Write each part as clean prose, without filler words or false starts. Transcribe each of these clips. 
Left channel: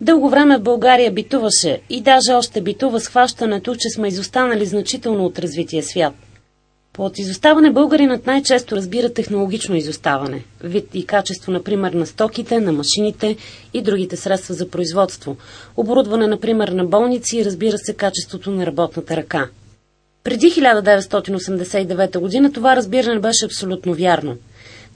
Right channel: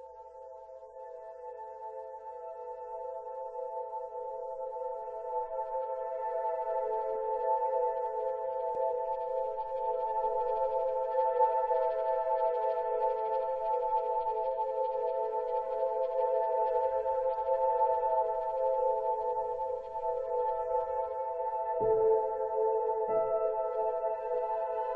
Дълго време в България битуваше и даже още битува схващането, че сме изостанали значително от развития свят. Под изоставане българинът най-често разбира технологично изоставане, вид и качество, например, на стоките, на машините и другите средства за производство, оборудване, например, на болници и, разбира се, качеството на работната ръка. Преди 1989 година това разбиране беше абсолютно вярно.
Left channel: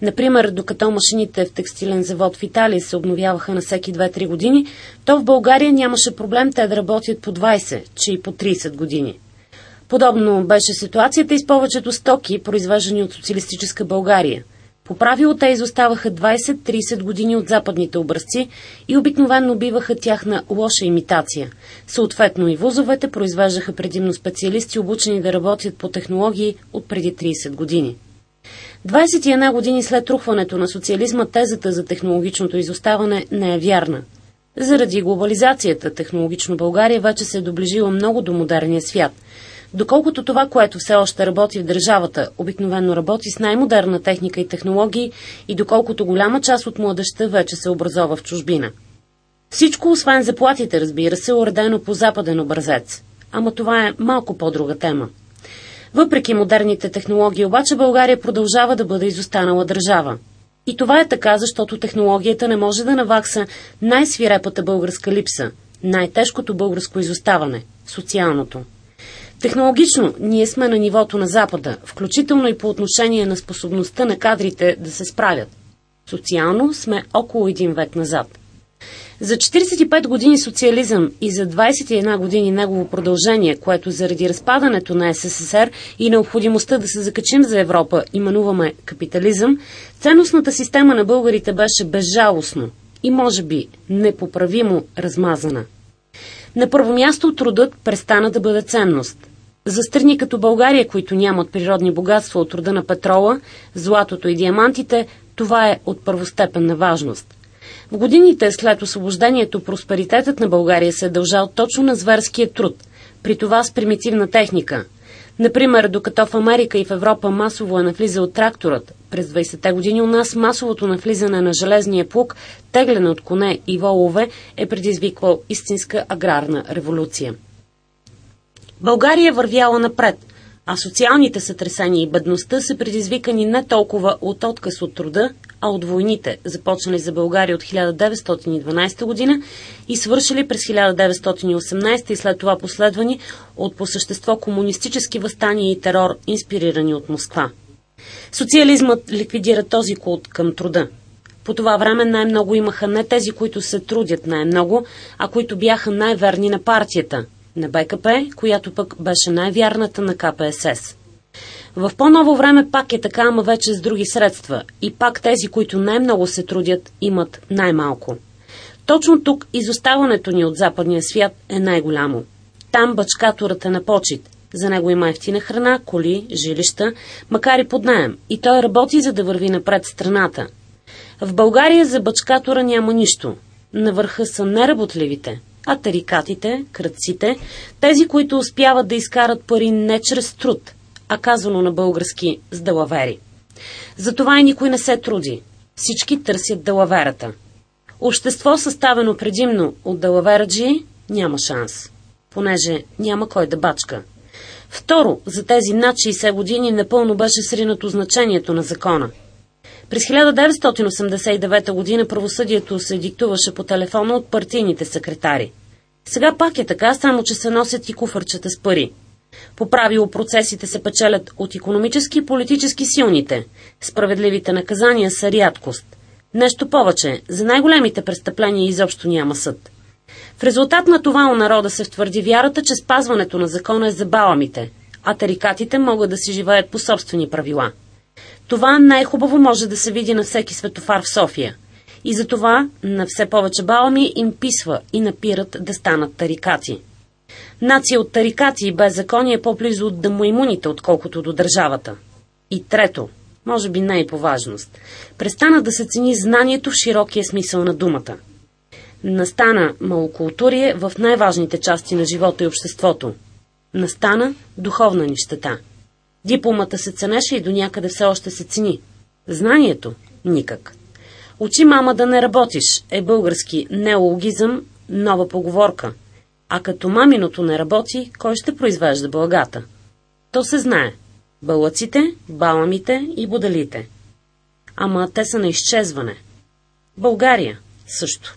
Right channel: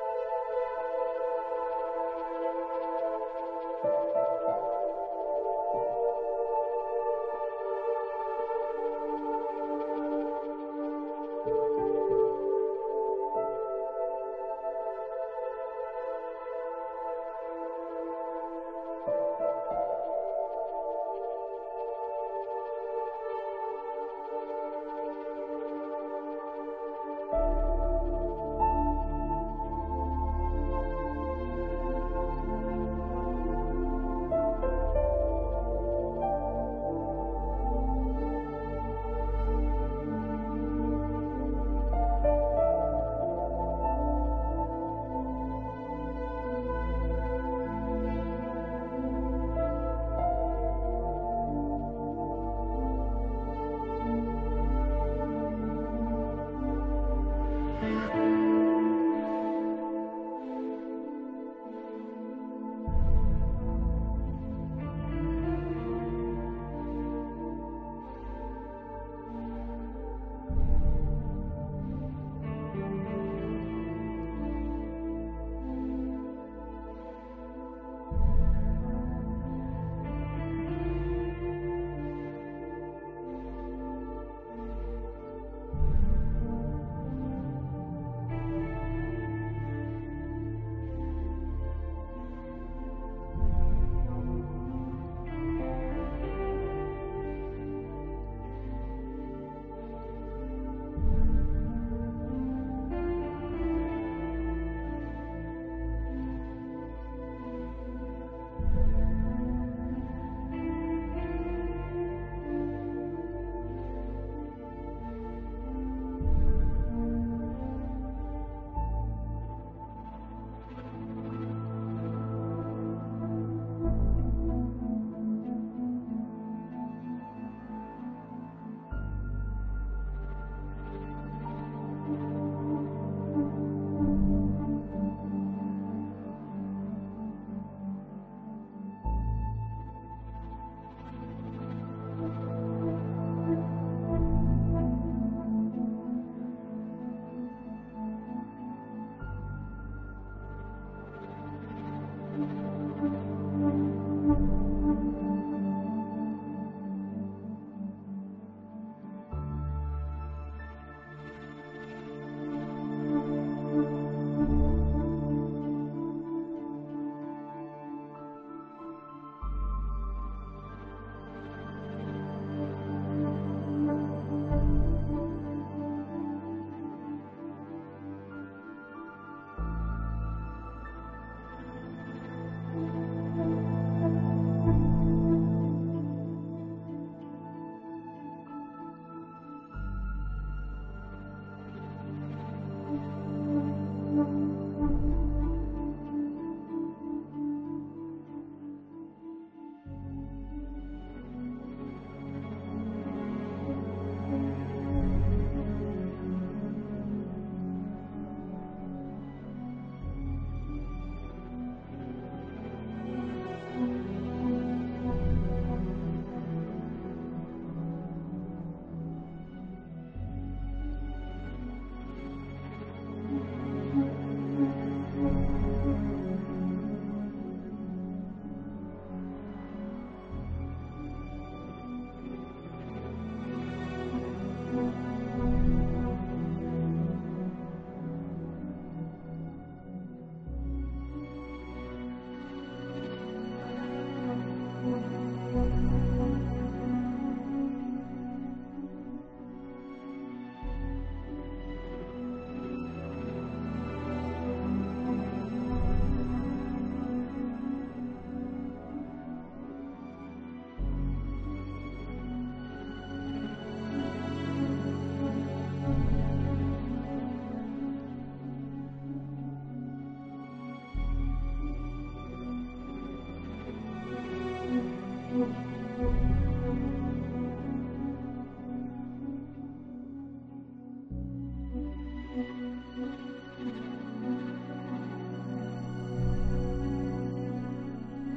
Например, докато машините в текстилен завод в Италия се обновяваха на всеки 2-3 години, то в България нямаше проблем те да работят по 20, че и по 30 години. Подобно беше ситуацията и с повечето стоки, произвеждани от социалистическа България. По правило те изоставаха 20-30 години от западните образци и обикновено биваха тяхна лоша имитация. Съответно и вузовете произвеждаха предимно специалисти, обучени да работят по технологии от преди 30 години. 21 години след рухването на социализма тезата за технологичното изоставане не е вярна. Заради глобализацията технологично България вече се е доближила много до модерния свят. Доколкото това, което все още работи в държавата, обикновено работи с най-модерна техника и технологии и доколкото голяма част от младежта вече се образова в чужбина. Всичко, освен заплатите, разбира се, е уредено по западен образец. Ама това е малко по-друга тема. Въпреки модерните технологии, обаче България продължава да бъде изостанала държава. И това е така, защото технологията не може да навакса най-свирепата българска липса, най-тежкото българско изоставане – социалното. Технологично ние сме на нивото на Запада, включително и по отношение на способността на кадрите да се справят. Социално сме около един век назад. За 45 години социализъм и за 21 години негово продължение, което заради разпадането на СССР и необходимостта да се закачим за Европа именуваме капитализъм, ценностната система на българите беше безжалостно и може би непоправимо размазана. На първо място трудът престана да бъде ценност. За страни като България, които нямат природни богатства от рода на петрола, златото и диамантите, това е от първостепенна важност. В годините след освобождението просперитетът на България се е дължал точно на зверския труд, при това с примитивна техника. Например, докато в Америка и в Европа масово е навлизал тракторът, през 20-те години у нас масовото навлизане на железния плуг, тегляне от коне и волове, е предизвиквал истинска аграрна революция. България е вървяла напред, а социалните сътресения и бедността са предизвикани не толкова от отказ от труда, а от войните, започнали за България от 1912 година и свършили през 1918 и след това последвани от по същество комунистически въстания и терор, инспирирани от Москва. Социализмът ликвидира този култ към труда. По това време най-много имаха не тези, които се трудят най-много, а които бяха най-верни на партията, на БКП, която пък беше най-вярната на КПСС. В по-ново време пак е така, ама вече с други средства. И пак тези, които най-много се трудят, имат най-малко. Точно тук изоставането ни от западния свят е най-голямо. Там бачкаторът е на почит. За него има евтина храна, коли, жилища, макар и под наем. И той работи, за да върви напред страната. В България за бачкатора няма нищо. На върха са неработливите, а тарикатите, крадците, тези, които успяват да изкарат пари не чрез труд, а казано на български с далавери. Затова и никой не се труди. Всички търсят далаверата. Общество, съставено предимно от далавераджии, няма шанс, понеже няма кой да бачка. Второ, за тези над 60 години напълно беше сринато значението на закона. През 1989 година правосъдието се диктуваше по телефона от партийните секретари. Сега пак е така, само че се носят и куфърчета с пари. По правило процесите се печелят от икономически и политически силните. Справедливите наказания са рядкост. Нещо повече, за най-големите престъпления изобщо няма съд. В резултат на това у народа се втвърди вярата, че спазването на закона е за баламите, а тарикатите могат да си живеят по собствени правила. Това най-хубаво може да се види на всеки светофар в София. И затова на все повече балами им писва и напират да станат тарикати. Нация от тарикати и беззаконие е по-близо от дамоимуните, отколкото до държавата. И трето, може би не и по важност, престана да се цени знанието в широкия смисъл на думата. Настана малокултурие в най-важните части на живота и обществото. Настана духовна нищета. Дипломата се ценеше и до някъде все още се цени. Знанието – никак. Учи мама да не работиш е български неологизъм, нова поговорка. А като маминото не работи, кой ще произвежда благата? То се знае. Бълъците, баламите и бодалите. Ама те са на изчезване. България също.